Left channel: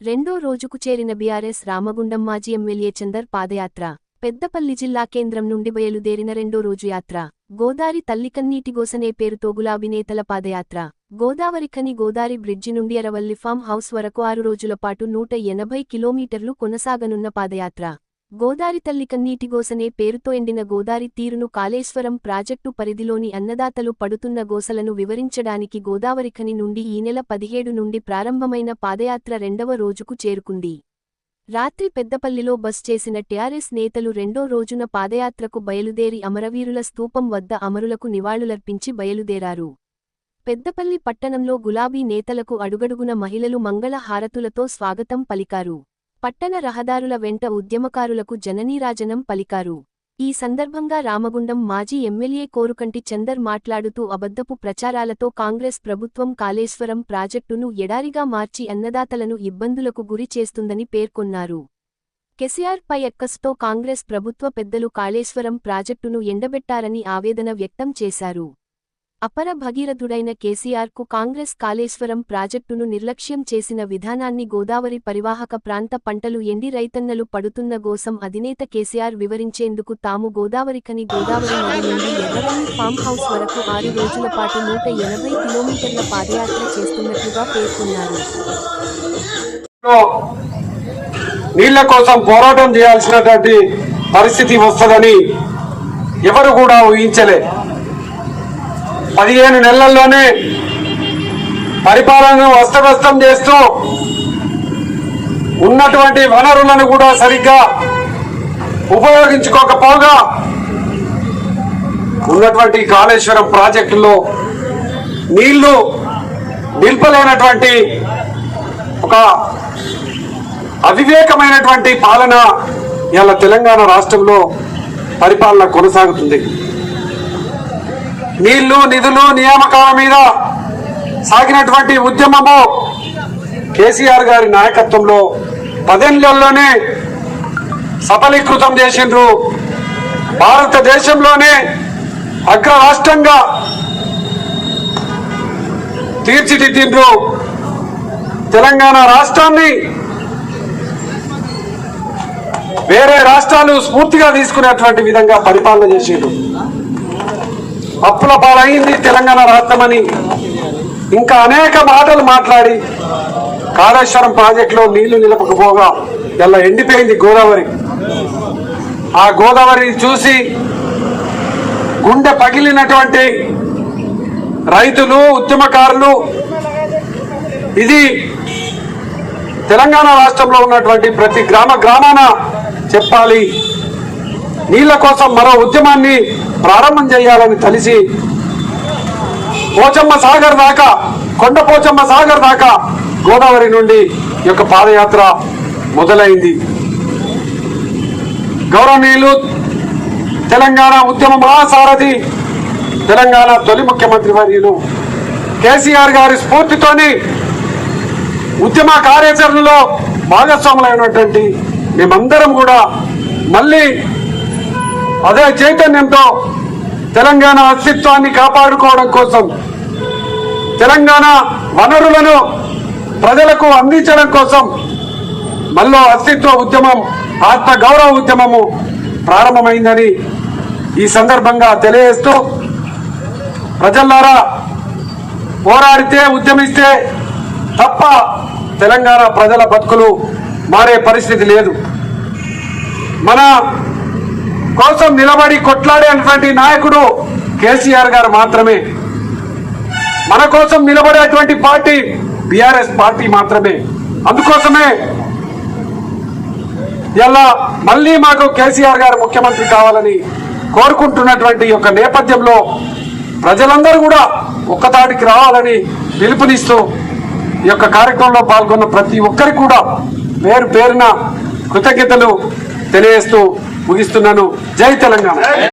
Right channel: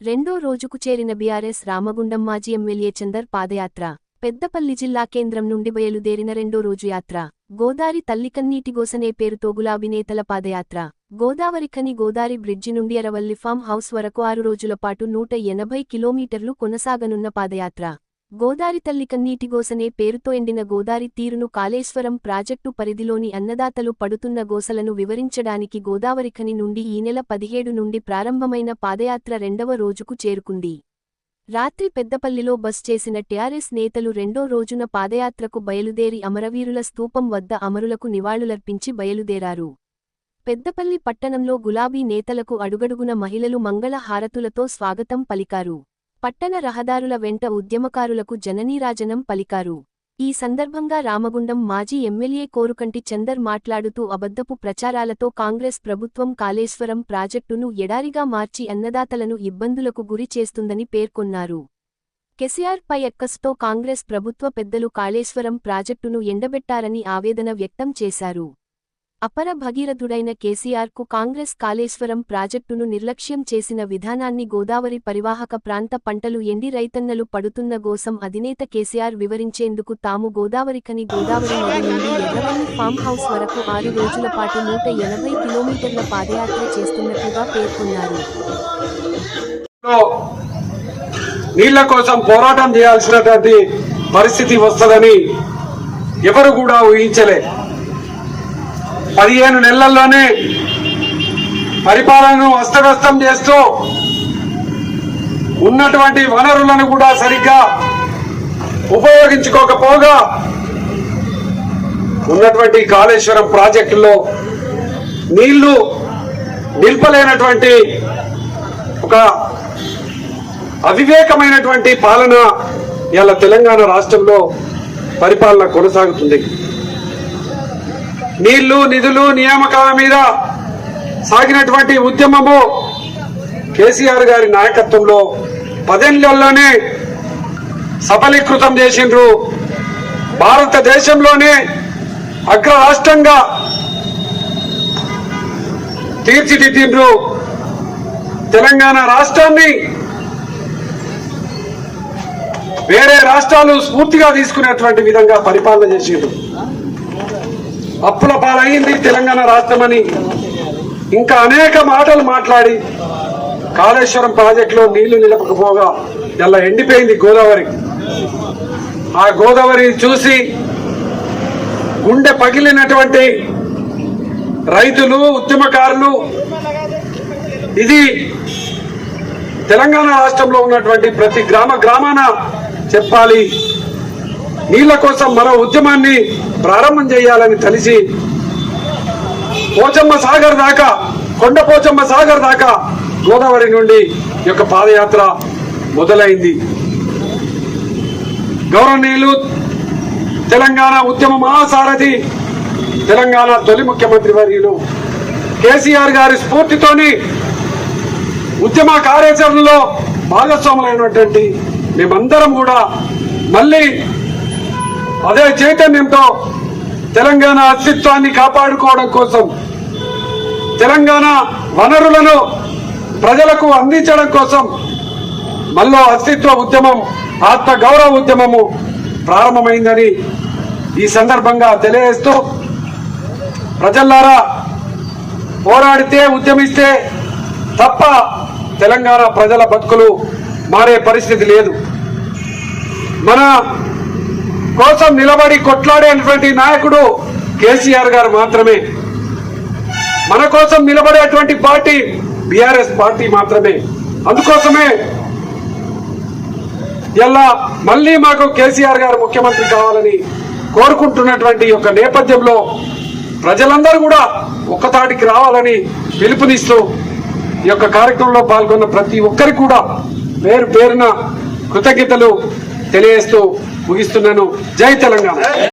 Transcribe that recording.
రెండో రోజుకు చేరిన బీఆర్ఎస్ రామగుండం మాజీ ఎమ్మెల్యే చందర్ పాదయాత్ర పెద్దపల్లి జిల్లా కేంద్రం నుండి బయలుదేరిన రెండో రోజు యాత్ర గోదారి తల్లికన్నీటి గోసనే పేరుతో గులాబీ నేతల పాదయాత్ర గోదావరిఖని గోదారి బ్రిడ్జి నుండి అరవల్లి ఫామ్ హౌస్ వరకు ఆరు రోజుల పాటు నూట ఎనభై కిలోమీటర్లు కొనసాగనున్న పాదయాత్ర. గోదారి తల్లి గోసనే పేరుతో ఎండిన గోదారి తీరును కాళేశ్వరం ప్రాజెక్టు పరిధిలోని అన్నదాతలు పడుతున్న గోసలను వివరించడానికి గోదావరిఖని నుండి ఈ నెల పదిహేడు నుండి ప్రారంభమైన పాదయాత్ర రెండవ రోజుకు చేరుకుంది. రాత్రి పెద్దపల్లిలో బస్ చేసిన టీఆర్ఎస్ నేతలు రెండో రోజున పాదయాత్రకు బయలుదేరి అమరవీరుల స్తూపం వద్ద అమరులకు నివాళులర్పించి బయలుదేరారు. పెద్దపల్లి పట్టణంలో గులాబీ నేతలకు అడుగడుగున మహిళలు మంగళ హారతులతో స్వాగతం పలికారు. పట్టణ రహదారుల వెంట ఉద్యమకారులకు జననీరాజనం పలికారు. ఈ సందర్భంగా రామగుండం మాజీ ఎమ్మెల్యే కోరుకంటి చందర్ మాట్లాడుతూ అబద్ధపు ప్రచారాలతో కాంగ్రెస్ ప్రభుత్వం కాళేశ్వరం ప్రాజెక్టును ఎడారిగా మార్చి అన్నదాతలను ఇబ్బందులకు గురి చేస్తుందని పేర్కొన్నారు. కెసిఆర్ పై ఎక్కస్తో కాంగ్రెస్ ప్రభుత్వ పెద్దలు కాళేశ్వరం ప్రాజెక్టును ఎండబెట్టారని ఆవేదన వ్యక్తం చేశారు. అపర భగీరథుడైన కేసీఆర్కు కాంగ్రెస్ కాళేశ్వరం ప్రాజెక్టును నిర్లక్ష్యం చేసిన విధానాన్ని గోదావరి పరివాహక ప్రాంత పంటలు ఎండి రైతన్నలు పడుతున్న గోసం అధినేత కేసీఆర్ వివరించేందుకు తాము గోదావరికని గోదావరి నది నుండి ఎర్రవల్లి ఫామ్ హౌస్ వరకు ఆరు రోజుల పాటు నూట ఎనభై కిలోమీటర్ల పాదయాత్ర చేస్తున్నట్లుగా పేర్కొన్నారు. నీళ్ళ కోసం పోరాటం చేయాల్సినటువంటి పరిస్థితి వస్తుందని ఎవరు కూడా ఊహించలే. పదిహేను నెలల్లోనే పరిపాలనను అస్తవ్యస్తం చేస్తూ ఉన్నటువంటి వనరులను కూడా సరిగ్గా ఉపయోగించుకోకపోగా ఉన్నటువంటి కాళేశ్వరం ప్రాజెక్టులో నీళ్ళు నిల్పలేనటువంటి ఒక అవివేకమైనటువంటి పాలన ఇలా తెలంగాణ రాష్ట్రంలో పరిపాలన కొనసాగుతుంది. నీళ్ళు నిధులు నియామకాల మీద సాగినటువంటి ఉద్యమము కేసీఆర్ గారి నాయకత్వంలో పదేళ్ళలోనే సఫలీకృతం చేసిండ్రు. భారతదేశంలోనే అగ్ర రాష్ట్రంగా తీర్చిదిద్దిండ్రు. తెలంగాణ రాష్ట్రాన్ని వేరే రాష్ట్రాలు స్ఫూర్తిగా తీసుకునేటువంటి విధంగా పరిపాలన చేసిండ్రు. అప్పుల పాలైంది తెలంగాణ రాష్ట్రమని. ఇంకా అనేక మాటలు మాట్లాడి కాళేశ్వరం ప్రాజెక్టులో నీళ్ళు నిలపకపోగా ఇలా ఎండిపోయింది గోదావరి. ఆ గోదావరిని చూసి గుండె పగిలినటువంటి రైతులు ఉద్యమకారులు ఇది తెలంగాణ రాష్ట్రంలో ఉన్నటువంటి ప్రతి గ్రామ గ్రామాన చెప్పాలి. నీళ్ళ కోసం మరో ఉద్యమాన్ని ప్రారంభం చేయాలని తెలిసి పోచమ్మ సాగర్ దాకా కొండ పోచమ్మ సాగర్ దాకా గోదావరి నుండి ఈ యొక్క పాదయాత్ర మొదలైంది. గౌరవనీయులు తెలంగాణ ఉద్యమ మహాసారథి తెలంగాణ తొలి ముఖ్యమంత్రి వర్యులు కేసీఆర్ గారి స్ఫూర్తితోని ఉద్యమ కార్యాచరణలో భాగస్వాములైనటువంటి మేమందరం కూడా మళ్ళీ అదే చైతన్యంతో తెలంగాణ అస్తిత్వాన్ని కాపాడుకోవడం కోసం తెలంగాణ వనరులను ప్రజలకు అందించడం కోసం మళ్ళీ అస్తిత్వ ఉద్యమం ఆత్మ గౌరవ ఉద్యమము ప్రారంభమైందని ఈ సందర్భంగా తెలియజేస్తూ ప్రజలారా పోరాడితే ఉద్యమిస్తే తప్ప తెలంగాణ ప్రజల బతుకులు మారే పరిస్థితి లేదు. మన కోసం నిలబడి కొట్లాడేటువంటి నాయకుడు కేసీఆర్ గారు మాత్రమే. మన కోసం నిలబడేటువంటి పార్టీ బీఆర్ఎస్ పార్టీ మాత్రమే. అందుకోసమే ఇలా మళ్ళీ మాకు కేసీఆర్ గారు ముఖ్యమంత్రి కావాలని కోరుకుంటున్నటువంటి యొక్క నేపథ్యంలో ప్రజలందరూ కూడా ఒక్కతాటికి రావాలని పిలుపునిస్తూ ఈ యొక్క కార్యక్రమంలో పాల్గొన్న ప్రతి ఒక్కరికి కూడా పేరు పేరున కృతజ్ఞతలు తెలియజేస్తూ ముగిస్తున్నాను. జై తెలంగాణ.